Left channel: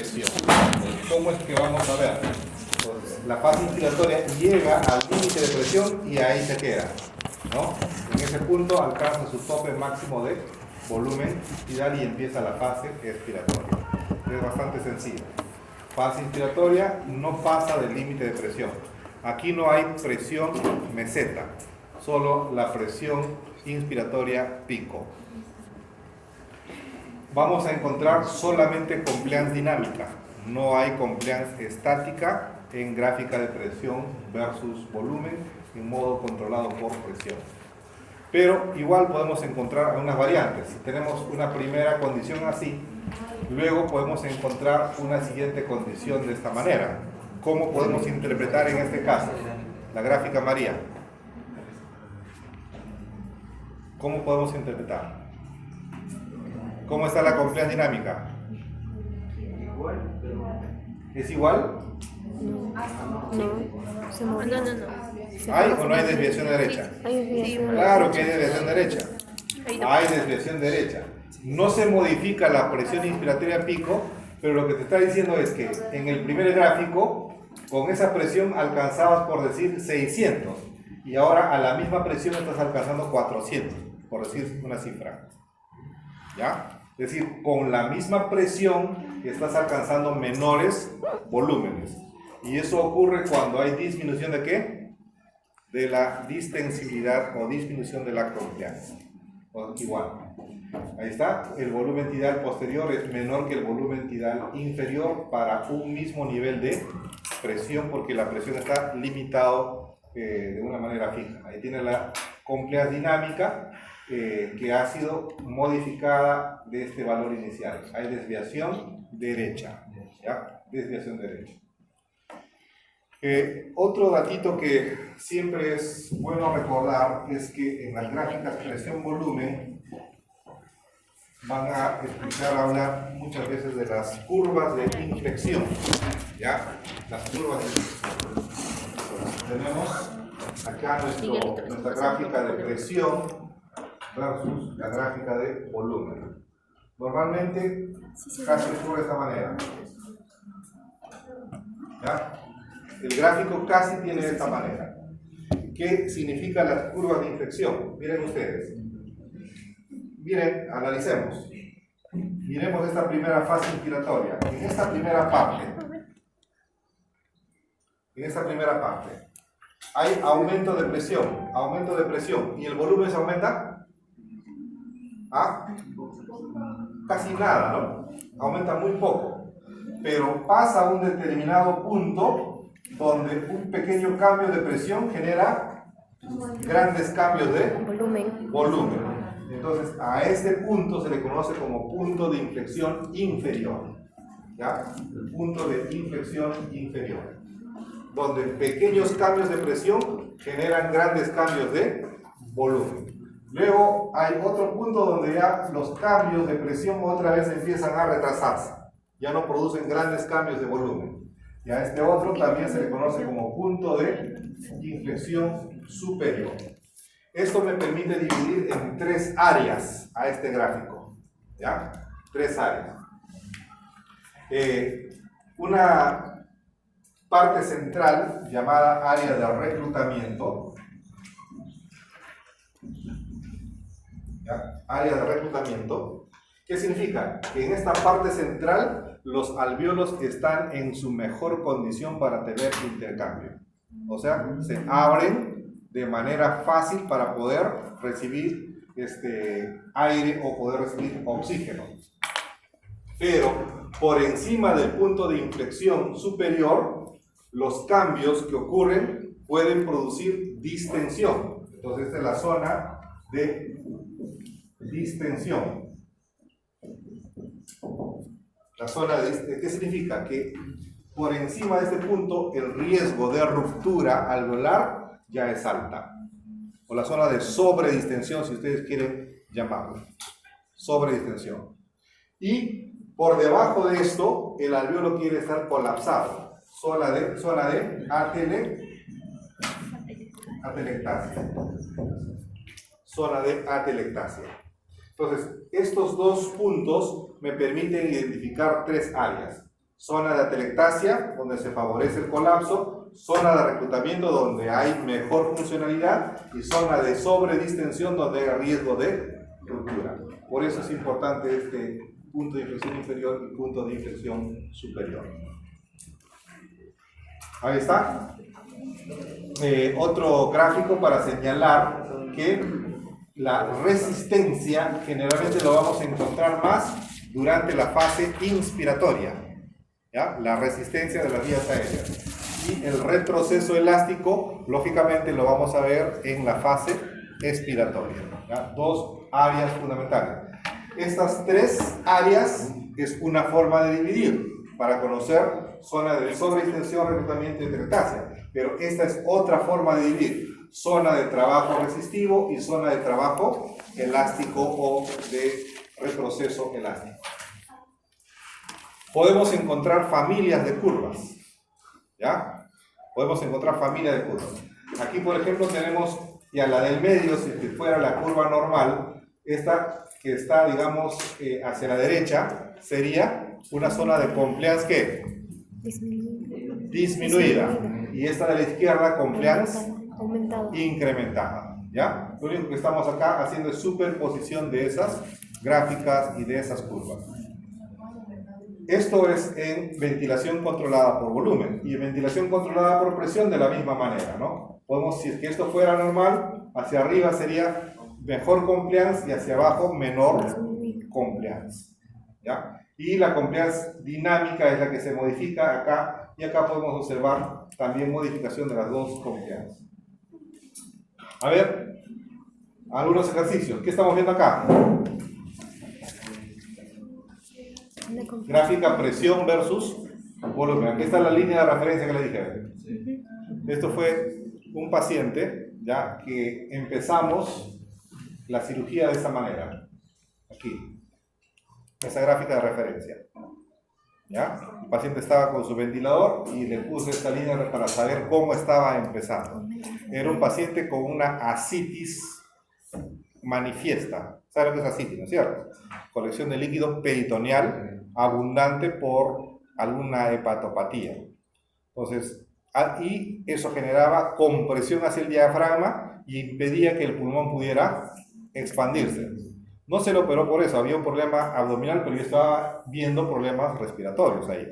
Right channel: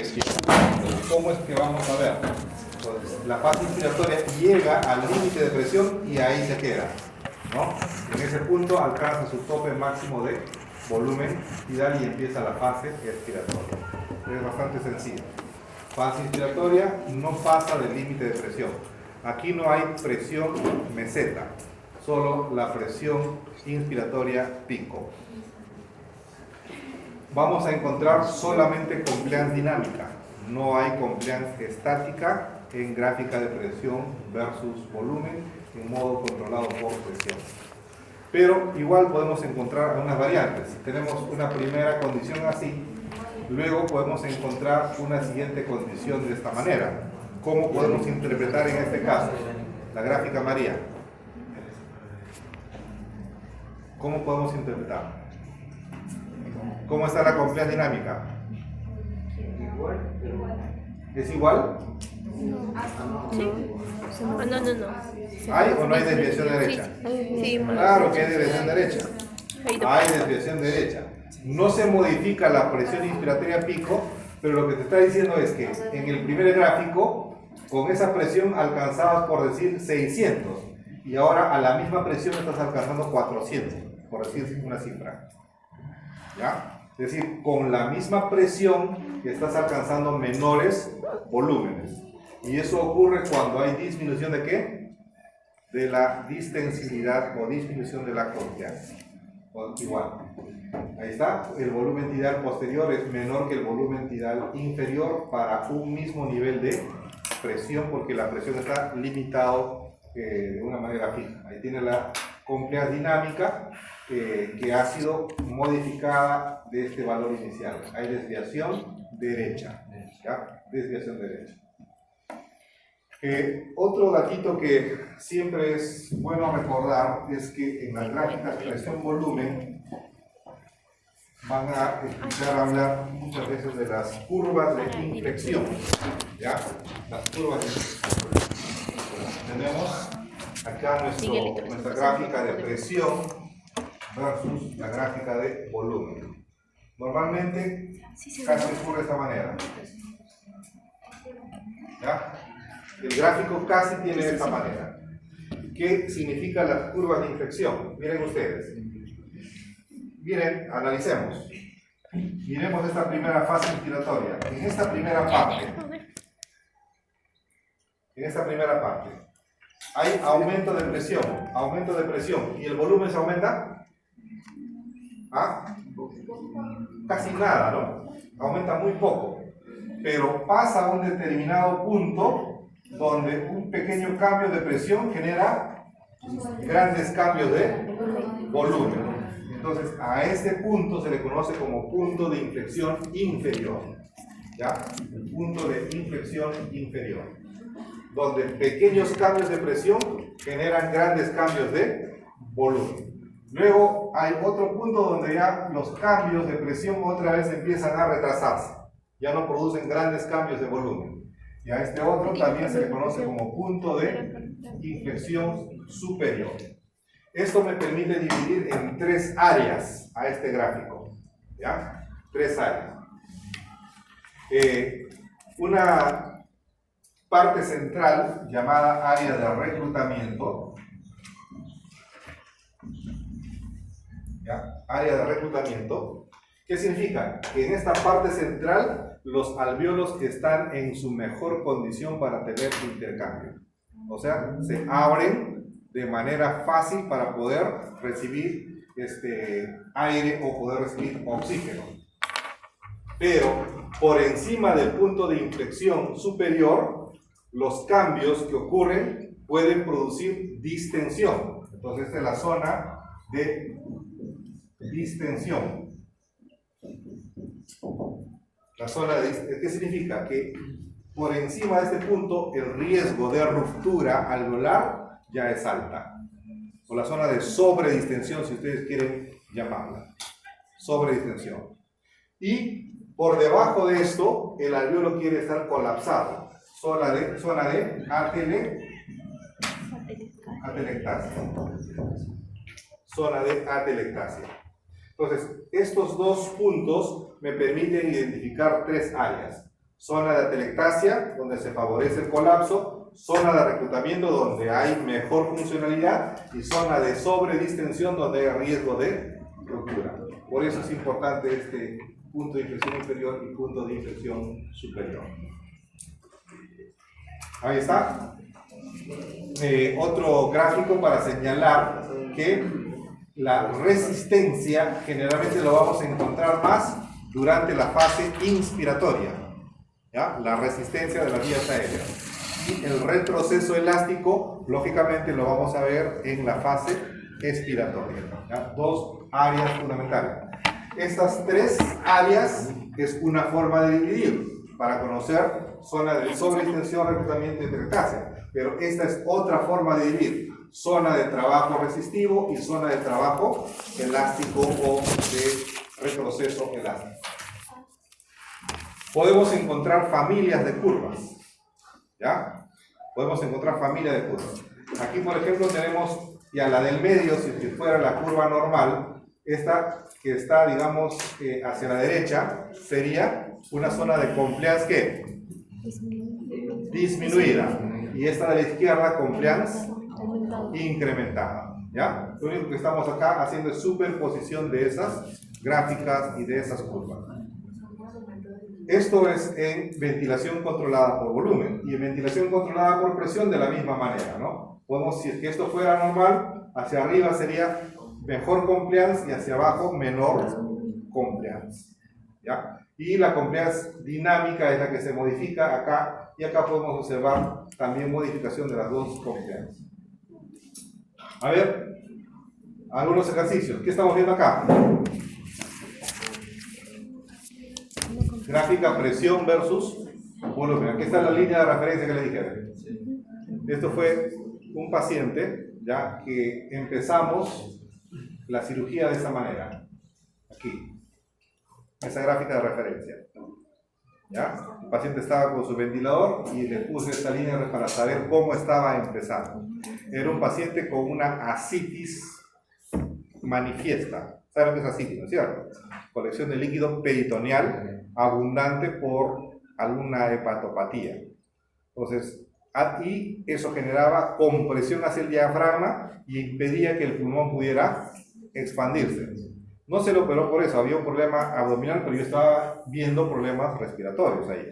presión. ¿Cómo es que vamos a ver? Pues la fase inspiratoria llega al límite de presión y ahí se queda, ¿no? En ese punto alcanza su tope máximo de volumen tidal y empieza la fase expiratoria. Es bastante sencillo. Fase inspiratoria no pasa del límite de presión. Aquí no hay presión meseta, solo la presión inspiratoria pico. Vamos a encontrar solamente compliance dinámica, no hay compliance estática en gráfica de presión versus volumen en modo controlado por presión. Pero igual podemos encontrar algunas variantes. Si tenemos una primera condición así, luego podemos encontrar una siguiente condición de esta manera. ¿Cómo podemos interpretar en este caso la gráfica María? ¿Cómo podemos interpretar? ¿Cómo está la compliance dinámica? ¿Es igual? No, se movió. No. ¿Hay o no hay desviación derecha? Claro que hay desviación derecha. Hay desviación derecha. No se modifica la presión inspiratoria pico, pero lo que te está diciendo es que en el primer gráfico, con esa presión alcanzabas, por decir, 600, y ahora a la misma presión estás alcanzando 400, por decir una cifra. ¿Ya? Es decir, con la misma presión estás alcanzando menores volúmenes. Y eso ocurre cuando hay disminución de ¿qué? De la distensibilidad o disminución de la compliance. Igual. Ahí está. El volumen tidal posterior es menor que el volumen tidal inferior para un mismo nivel de presión, porque la presión está limitado de una manera fija. Ahí tiene la compliance dinámica que ha sido modificada de este valor inicial. Hay desviación derecha. ¿Ya? Desviación derecha. Otro datito que siempre es bueno recordar es que en las gráficas presión-volumen van a hablar muchas veces de las curvas de inflexión. ¿Ya? Las curvas de inflexión. Tenemos acá nuestra gráfica de presión versus la gráfica de volumen. Normalmente casi ocurre de esta manera. ¿Ya? El gráfico casi tiene de esta manera. ¿Qué significan las curvas de inflexión? Miren ustedes. Miren, analicemos. Miremos esta primera fase inspiratoria. En esta primera parte, hay aumento de presión, ¿y el volumen se aumenta? ¿Ah? Casi nada, ¿no? Aumenta muy poco, pero pasa a un determinado punto donde un pequeño cambio de presión genera grandes cambios de volumen. Entonces, a este punto se le conoce como punto de inflexión inferior. ¿Ya? El punto de inflexión inferior, donde pequeños cambios de presión generan grandes cambios de volumen. Luego hay otro punto donde ya los cambios de presión otra vez empiezan a retrasarse. Ya no producen grandes cambios de volumen. Y a este otro también se le conoce como punto de inflexión superior. Esto me permite dividir en 3 áreas a este gráfico. ¿Ya? 3 áreas. Una parte central llamada área de reclutamiento. ¿Ya? Área de reclutamiento. ¿Qué significa? Que en esta parte central los alvéolos están en su mejor condición para tener intercambio. O sea, se abren de manera fácil para poder recibir aire o poder recibir oxígeno. Pero por encima del punto de inflexión superior, los cambios que ocurren pueden producir distensión. Entonces, esta es la zona de distensión. La zona de ¿qué significa? Que por encima de este punto el riesgo de ruptura alveolar ya es alta. O la zona de sobredistensión, si ustedes quieren llamarla. Sobredistensión. Y por debajo de esto, el alveolo quiere estar colapsado. Zona de atelectasia. Zona de atelectasia. Entonces, estos dos puntos me permiten identificar 3 áreas. Zona de atelectasia, donde se favorece el colapso, zona de reclutamiento, donde hay mejor funcionalidad, y zona de sobredistensión, donde hay riesgo de ruptura. Por eso es importante este punto de inflexión inferior y punto de inflexión superior. Ahí está. Otro gráfico para señalar que la resistencia generalmente lo vamos a encontrar más durante la fase inspiratoria, ¿ya? La resistencia de las vías aéreas. Y el retroceso elástico, lógicamente, lo vamos a ver en la fase expiratoria, ¿ya? Dos áreas fundamentales. Estas tres áreas es una forma de dividir para conocer zona de sobredistensión, reclutamiento y atelectasia. Pero esta es otra forma de dividir: zona de trabajo resistivo y zona de trabajo elástico o de retroceso elástico. Podemos encontrar familias de curvas, ¿ya? Podemos encontrar familias de curvas. Aquí, por ejemplo, tenemos ya la del medio. Si fuera la curva normal, esta que está, digamos, hacia la derecha, sería una zona de compliance, ¿qué? Disminuida. Y esta de la izquierda, compliance incrementada, ¿ya? Lo único que estamos acá haciendo es superposición de esas gráficas y de esas curvas. Esto es en ventilación controlada por volumen, y en ventilación controlada por presión de la misma manera, ¿no? Podemos decir que esto fuera normal, hacia arriba sería mejor compliance y hacia abajo menor compliance, ¿ya? Y la compliance dinámica es la que se modifica acá, y acá podemos observar también modificación de las dos compliance. A ver, algunos ejercicios. ¿Qué estamos viendo acá? Gráfica presión versus volumen. Aquí está la línea de referencia que le dije. Esto fue un paciente, ya que empezamos la cirugía de esta manera. Aquí, esa gráfica de referencia, ¿ya? El paciente estaba con su ventilador y le puse esta línea para saber cómo estaba empezando. Era un paciente con una ascitis manifiesta. ¿Saben qué es ascitis, no es cierto? Colección de líquido peritoneal abundante por alguna hepatopatía. Entonces, y eso generaba compresión hacia el diafragma y impedía que el pulmón pudiera expandirse. No se lo operó por eso, había un problema abdominal, pero yo estaba viendo problemas respiratorios ahí.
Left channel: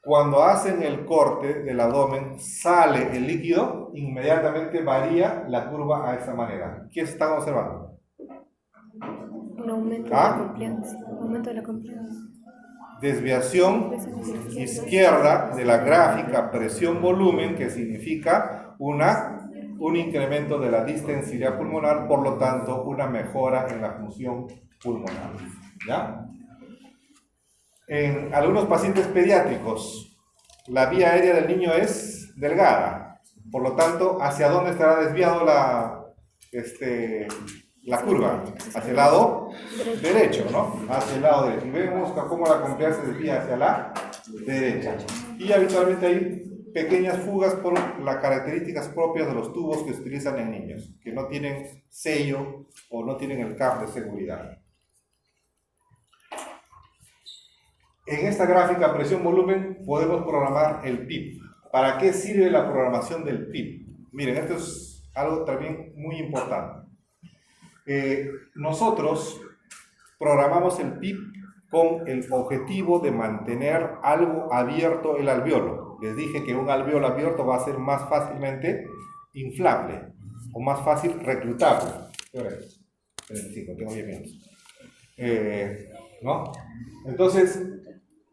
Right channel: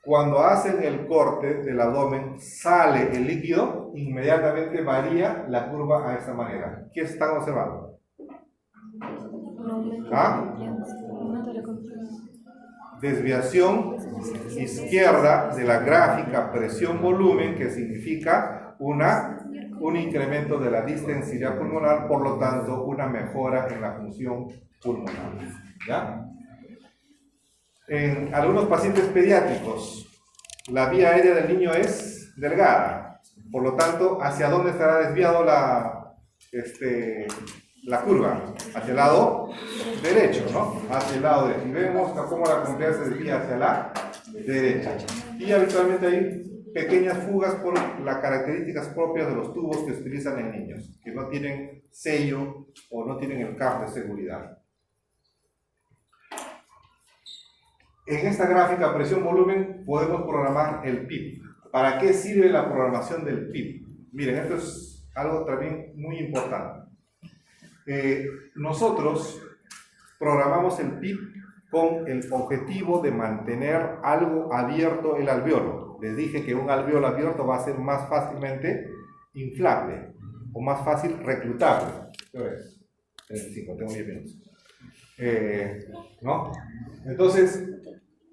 Cuando hacen el corte del abdomen, sale el líquido, inmediatamente varía la curva a esta manera. ¿Qué están observando? Un aumento de la compliance. Aumento de la compliance. Desviación izquierda de la gráfica presión-volumen, que significa un incremento de la distensidad pulmonar, por lo tanto, una mejora en la función pulmonar, ¿ya? En algunos pacientes pediátricos, la vía aérea del niño es delgada, por lo tanto, ¿hacia dónde estará desviado la curva? Hacia el lado derecho, ¿no? Hacia el lado derecho. Y vemos cómo la compliance se desvía hacia la derecha. Y habitualmente hay pequeñas fugas por las características propias de los tubos que se utilizan en niños, que no tienen sello o no tienen el cap de seguridad. En esta gráfica presión-volumen podemos programar el PIP. ¿Para qué sirve la programación del PIP? Miren, esto es algo también muy importante. Nosotros programamos el PIP con el objetivo de mantener algo abierto el alveolo. Les dije que un alveolo abierto va a ser más fácilmente inflable o más fácil reclutable. ¿Qué hora es? 35, tengo 10 minutos. ¿No? Entonces,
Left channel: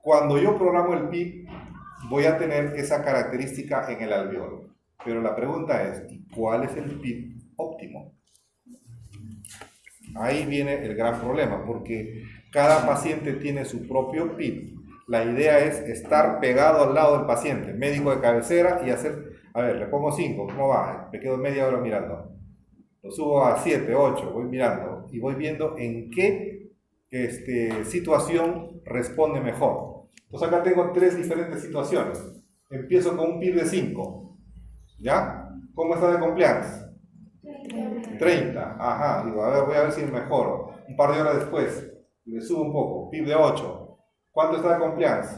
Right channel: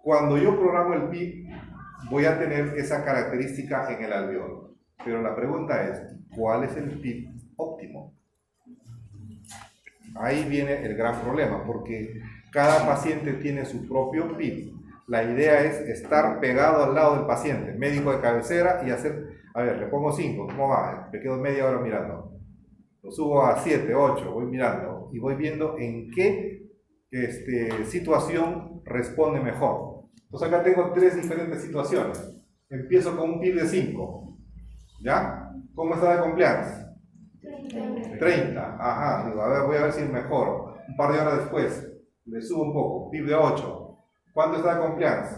cuando yo programo el PIP, voy a tener esa característica en el alveolo. Pero la pregunta es, ¿cuál es el PIP óptimo? Ahí viene el gran problema, porque cada paciente tiene su propio PIP. La idea es estar pegado al lado del paciente, médico de cabecera, y hacer, a ver, le pongo 5, ¿cómo va? Me quedo media hora mirando. Lo subo a 7, 8, voy mirando y voy viendo en qué situación responde mejor. Entonces acá tengo 3 diferentes situaciones. Empiezo con un PIP de 5, ¿ya? ¿Cómo está de compliance? 30, ajá, digo, a ver, voy a ver si mejoro. Un par de horas después, le subo un poco, PIB de 8, ¿Cuánto está de compliance?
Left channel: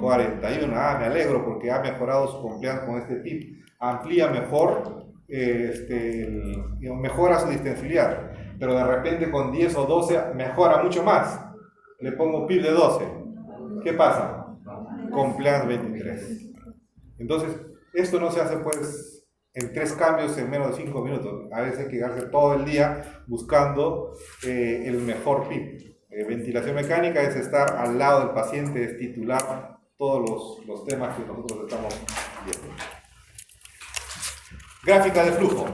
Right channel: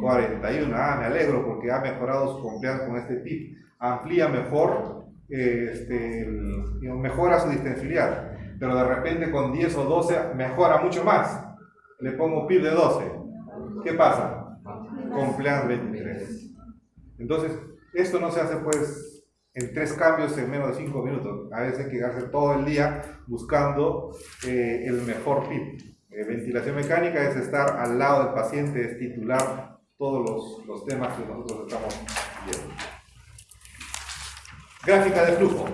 41. Ah, me alegro porque ha mejorado su compliance con este PIB. Amplía mejor, mejora su distensibilidad. Pero de repente con 10 o 12 mejora mucho más. Le pongo PIB de 12. ¿Qué pasa? Compliance 23. Entonces, esto no se hace pues en 3 cambios en menos de 5 minutos. A veces hay que quedarse todo el día buscando el mejor PIB. Ventilación mecánica es estar al lado del paciente, es titular todos los temas que nosotros estamos viendo. Gráfica de flujo,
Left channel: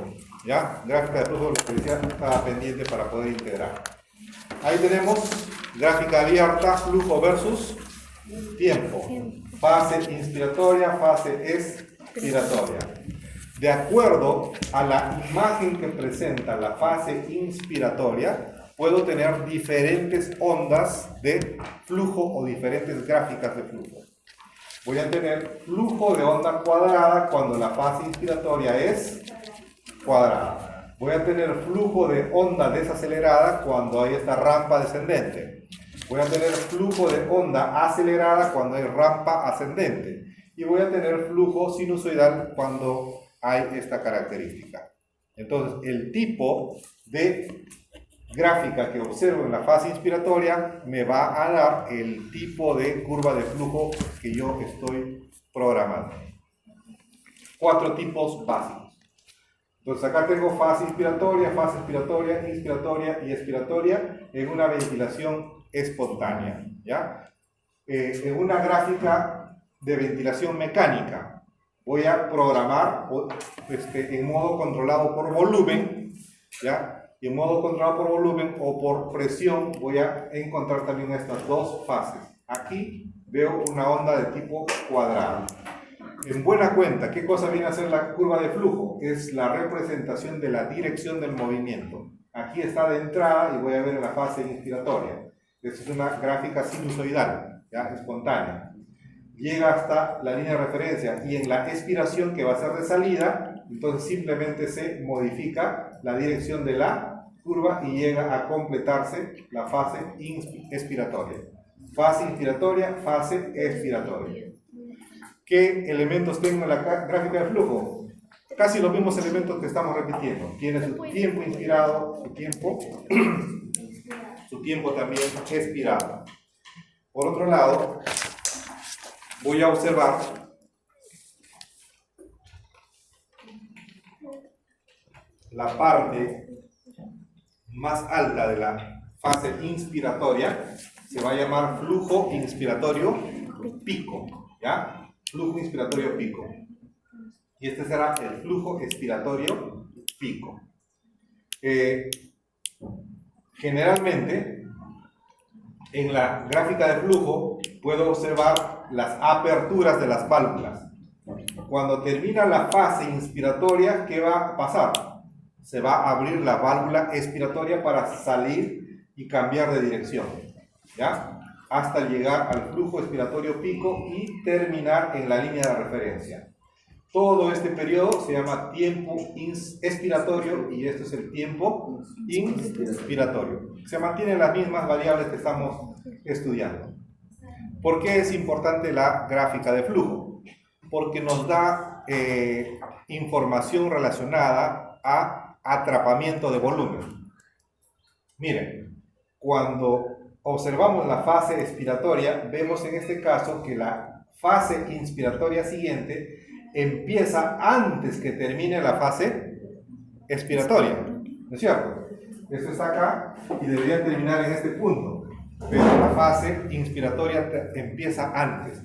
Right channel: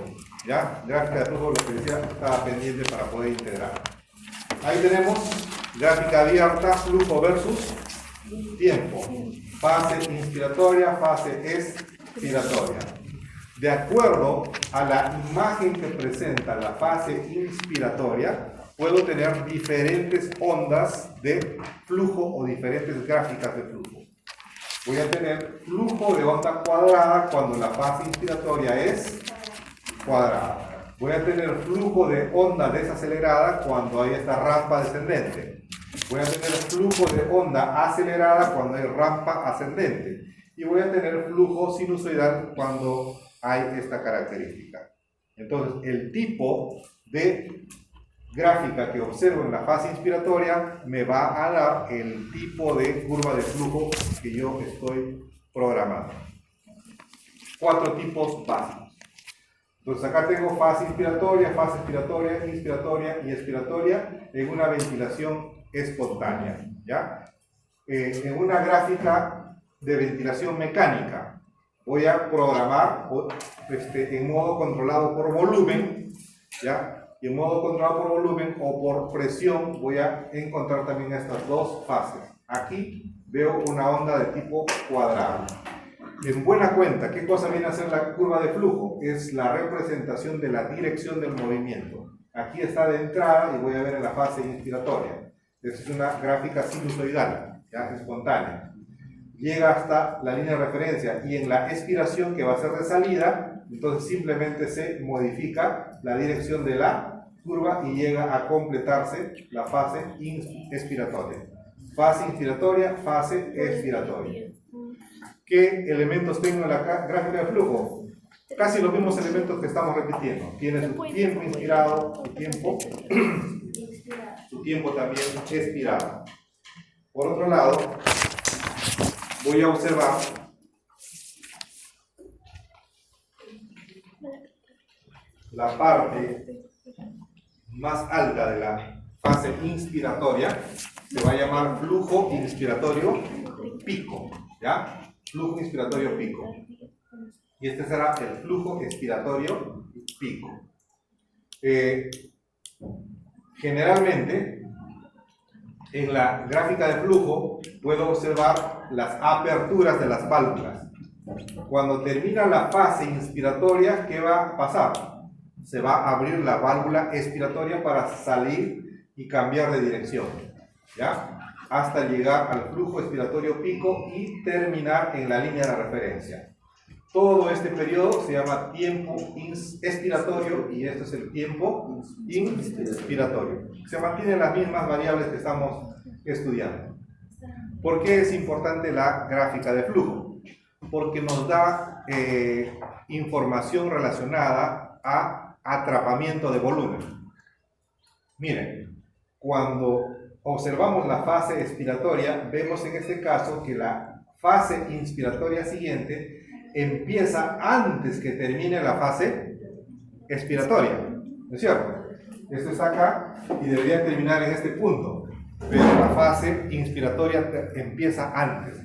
¿ya? Gráfica de flujo, lo que decía, estaba pendiente para poder integrar. Ahí tenemos gráfica abierta, flujo versus tiempo. Fase inspiratoria, fase expiratoria. De acuerdo a la imagen que presenta la fase inspiratoria, puedo tener diferentes ondas de flujo o diferentes gráficas de flujo. Voy a tener flujo de onda cuadrada cuando la fase inspiratoria es cuadrada. Voy a tener flujo de onda desacelerada cuando hay esta rampa descendente. Voy a tener flujo de onda acelerada cuando hay rampa ascendente. Y voy a tener flujo sinusoidal cuando hay esta característica. Entonces, el tipo de gráfica que observo en la fase inspiratoria me va a dar el tipo de curva de flujo que yo estoy programando. 4 tipos básicos. Entonces acá tengo fase inspiratoria, inspiratoria y expiratoria en una ventilación espontánea, ¿ya? En una gráfica de ventilación mecánica voy a programar en modo controlado por volumen, ¿ya? Y en modo controlado por volumen o por presión voy a encontrar también estas dos fases. Aquí veo una onda de tipo cuadrado. En buena cuenta, ¿qué cosa viene a ser la curva de flujo? Es la representación de la dirección del movimiento. Aquí está de entrada y voy a ver en la fase inspiratoria. Esta es una gráfica sinusoidal, ¿ya? Espontánea. Llega hasta la línea de referencia y en la expiración, que va a ser de salida, entonces simplemente se modifica la dirección de la curva y llega a completarse la fase expiratoria. Fase inspiratoria, fase expiratoria. ¿Qué elementos tengo en la gráfica de flujo? Casi los mismos elementos que estamos repitiendo. Tiene su tiempo inspirado, su tiempo también expirado. Por otro lado, voy a observar la parte más alta de la fase inspiratoria, se va a llamar flujo inspiratorio pico, ¿ya? Flujo inspiratorio pico. Y este será el flujo expiratorio pico. Generalmente, en la gráfica de flujo, puedo observar las aperturas de las válvulas. Cuando termina la fase inspiratoria, ¿qué va a pasar? Se va a abrir la válvula expiratoria para salir y cambiar de dirección, ¿ya? Hasta llegar al flujo expiratorio pico y terminar en la línea de referencia. Todo este periodo se llama tiempo expiratorio y este es el tiempo inspiratorio. Se mantienen las mismas variables que estamos estudiando. ¿Por qué es importante la gráfica de flujo? Porque nos da información relacionada a atrapamiento de volumen. Miren, cuando observamos la fase expiratoria, vemos en este caso que la fase inspiratoria siguiente empieza antes que termine la fase expiratoria, ¿no es cierto? Esto está acá y debería terminar en este punto, pero la fase inspiratoria empieza antes.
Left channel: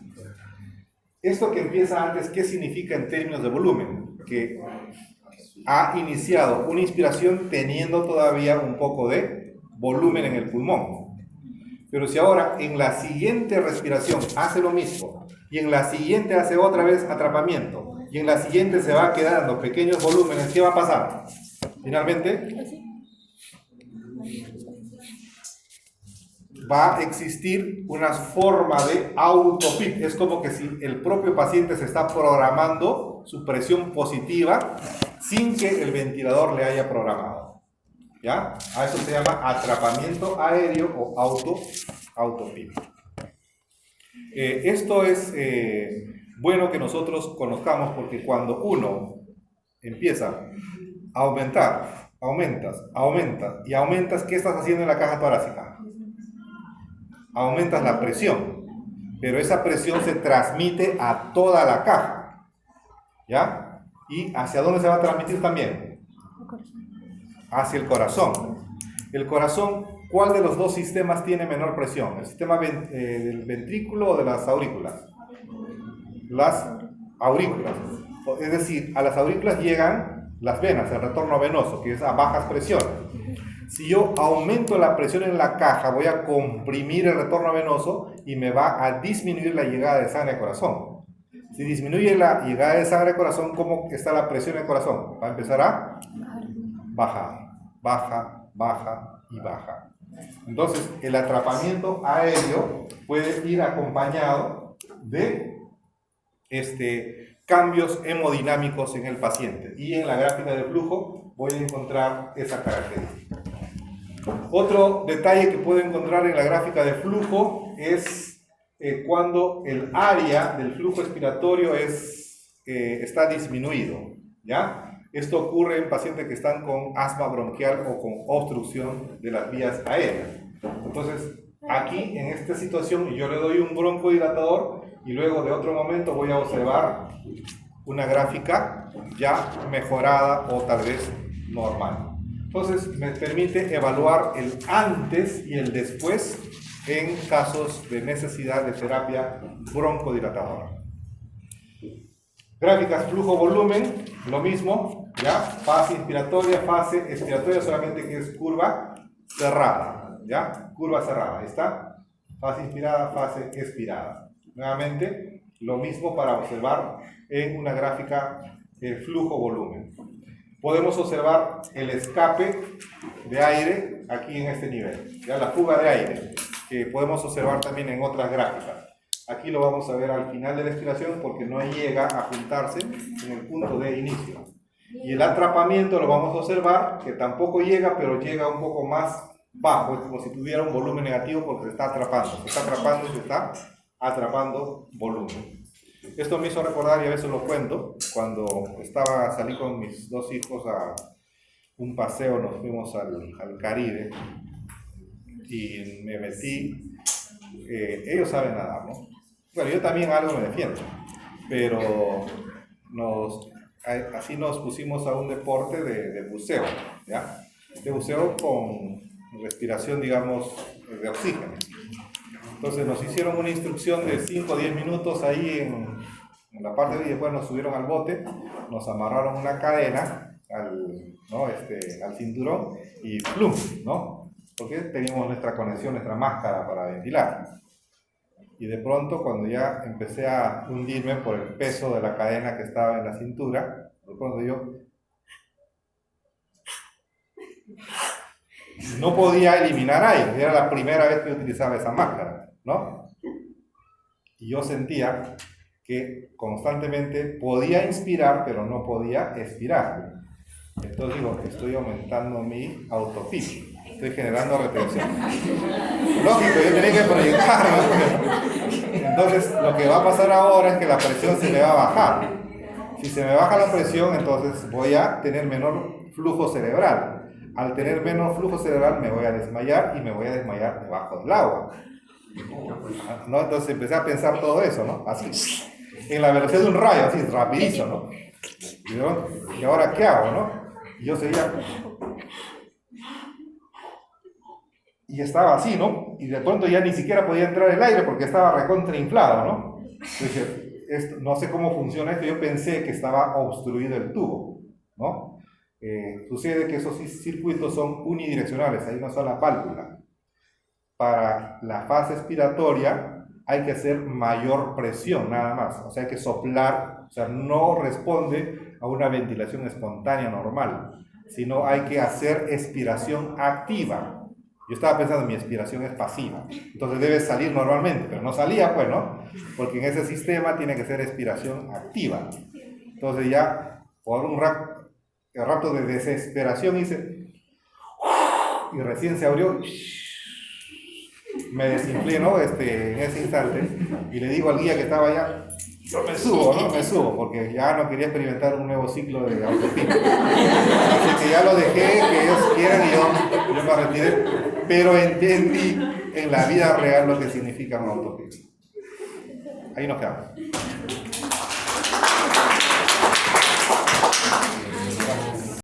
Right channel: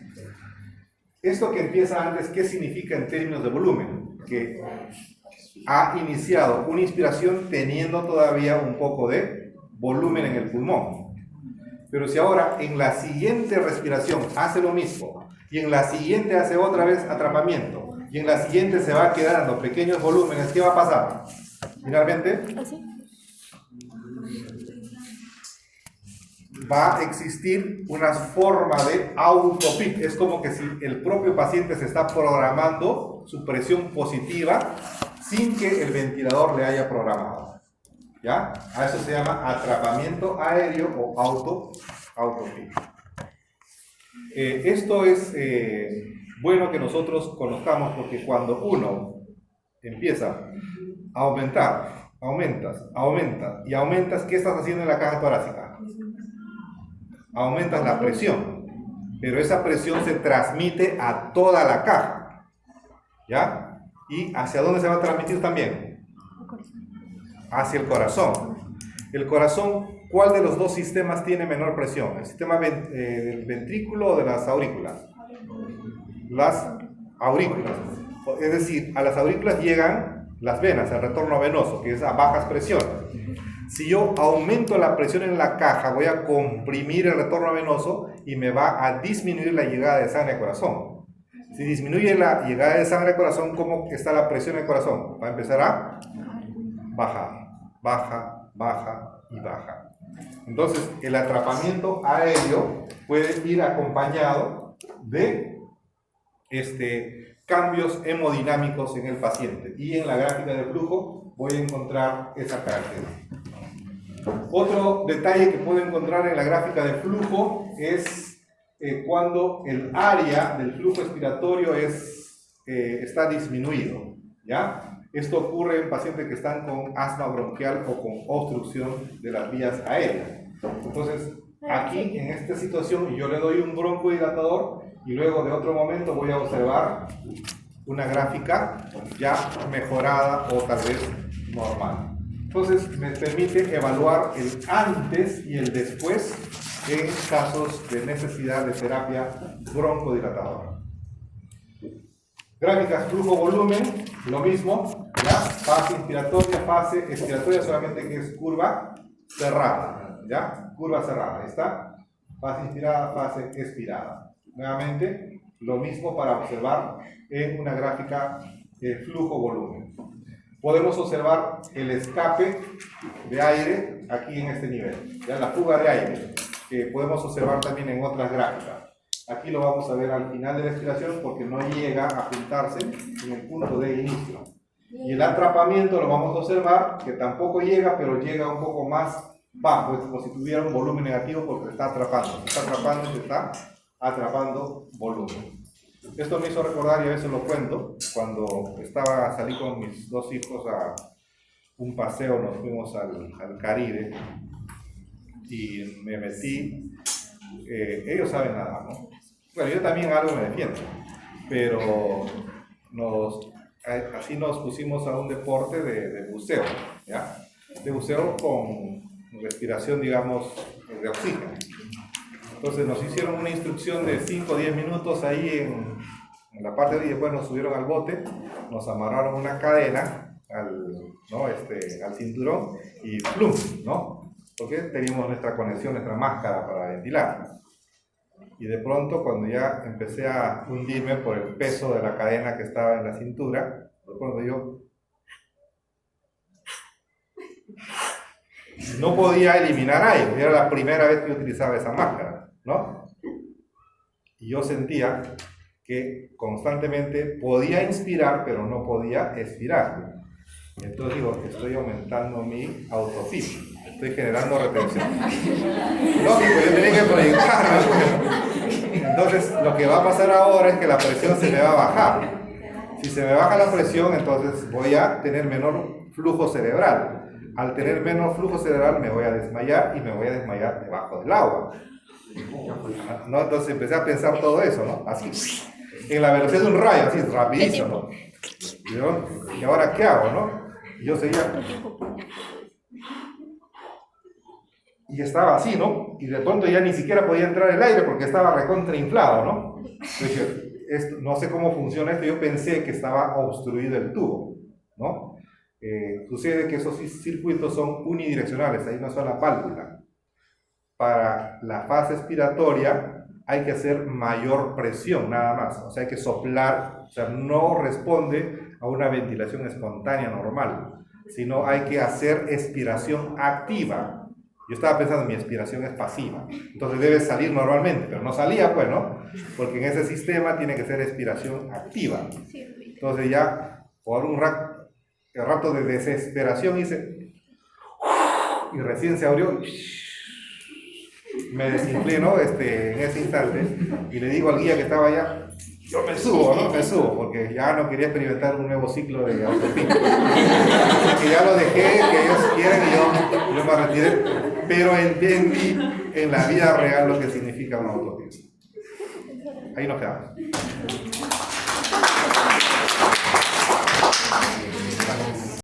Esto que empieza antes, ¿qué significa en términos de volumen? Que ha iniciado una inspiración teniendo todavía un poco de volumen en el pulmón. Pero si ahora en la siguiente respiración hace lo mismo, y en la siguiente hace otra vez atrapamiento, y en la siguiente se va quedando pequeños volúmenes, ¿qué va a pasar? Finalmente, va a existir una forma de autopic. Es como que si el propio paciente se está programando su presión positiva sin que el ventilador le haya programado. ¿Ya? A eso se llama atrapamiento aéreo o autopic. Esto es bueno que nosotros conozcamos porque cuando uno empieza a aumentas, y aumentas, ¿qué estás haciendo en la caja torácica? Aumentas la presión, pero esa presión se transmite a toda la caja, ¿ya? ¿Y hacia dónde se va a transmitir también? Hacia el corazón. El corazón, ¿cuál de los dos sistemas tiene menor presión? ¿El sistema del ventrículo o de las aurículas? Las aurículas. Es decir, a las aurículas llegan las venas, el retorno venoso, que es a bajas presiones. Si yo aumento la presión en la caja, voy a comprimir el retorno venoso y me va a disminuir la llegada de sangre al corazón. Si disminuye la llegada de sangre al corazón, ¿cómo está la presión en el corazón? Va a empezar a bajar, baja y baja. Entonces, el atrapamiento aéreo puede ir acompañado de cambios hemodinámicos en el paciente. Y en la gráfica del flujo voy a encontrar esa característica. Otro detalle que puedo encontrar en la gráfica de flujo es cuando el área del flujo expiratorio está disminuido, ¿ya? Esto ocurre en pacientes que están con asma bronquial o con obstrucción de las vías aéreas. Entonces, aquí en esta situación yo le doy un broncodilatador y luego de otro momento voy a observar una gráfica ya mejorada o tal vez normal. Entonces, me permite evaluar el antes y el después en casos de necesidad de terapia broncodilatadora. Gráficas flujo-volumen, lo mismo, ¿ya? Fase inspiratoria, fase expiratoria, solamente que es curva cerrada, ¿ya? Curva cerrada, ahí está. Fase inspirada, fase expirada. Nuevamente, lo mismo para observar en una gráfica flujo-volumen. Podemos observar el escape de aire aquí en este nivel, ¿ya? La fuga de aire, que podemos observar también en otras gráficas. Aquí lo vamos a ver al final de la expiración porque no llega a juntarse en el punto de inicio. Y el atrapamiento lo vamos a observar que tampoco llega, pero llega un poco más bajo, es como si tuviera un volumen negativo porque se está atrapando y se está atrapando volumen. Esto me hizo recordar, y a veces lo cuento, cuando salí con mis dos hijos a un paseo, nos fuimos al Caribe y me metí, ellos saben nadar, ¿no? Bueno, yo también algo me defiendo, pero así nos pusimos a un deporte de buceo, ¿ya? De buceo con respiración, digamos, de oxígeno. Entonces nos hicieron una instrucción de 5 o 10 minutos ahí en la parte de ahí, después nos subieron al bote, nos amarraron una cadena al cinturón y ¡plum!, ¿no? Porque teníamos nuestra conexión, nuestra máscara para ventilar. Y de pronto, cuando ya empecé a hundirme por el peso de la cadena que estaba en la cintura, de pronto yo no podía eliminar aire. Era la primera vez que utilizaba esa máscara, ¿no? Y yo sentía que constantemente podía inspirar, pero no podía expirar. Entonces digo, estoy aumentando mi autofit. Estoy generando retención. Lógico, yo tenía que proyectar, ¿no? Entonces, lo que va a pasar ahora es que la presión se me va a bajar. Si se me baja la presión, entonces voy a tener menor flujo cerebral. Al tener menos flujo cerebral, me voy a desmayar y me voy a desmayar debajo del agua, ¿no? Entonces empecé a pensar todo eso, ¿no? Así, en la velocidad de un rayo, así, rapidísimo, ¿no? ¿Y ahora qué hago, no? Y yo seguía... Y estaba así, ¿no? Y de pronto ya ni siquiera podía entrar el aire porque estaba recontrainflado, ¿no? Dije, no sé cómo funciona esto, yo pensé que estaba obstruido el tubo, ¿no? Sucede que esos circuitos son unidireccionales, hay una sola válvula. Para la fase expiratoria hay que hacer mayor presión, nada más, o sea, hay que soplar, o sea, no responde a una ventilación espontánea normal, sino hay que hacer expiración activa. Yo estaba pensando, mi expiración es pasiva, entonces debe salir normalmente, pero no salía, pues, ¿no? Porque en ese sistema tiene que ser expiración activa. Entonces ya, por un rato de desesperación hice, y recién se abrió, me desinflé, ¿no? En ese instante, y le digo al guía que estaba allá, yo me subo, ¿no? Me subo, porque ya no quería experimentar un nuevo ciclo de autopista. Así que ya lo dejé, que ellos quieran, y yo me retiré, pero entendí en la vida real lo que significa un autopista. Ahí nos quedamos.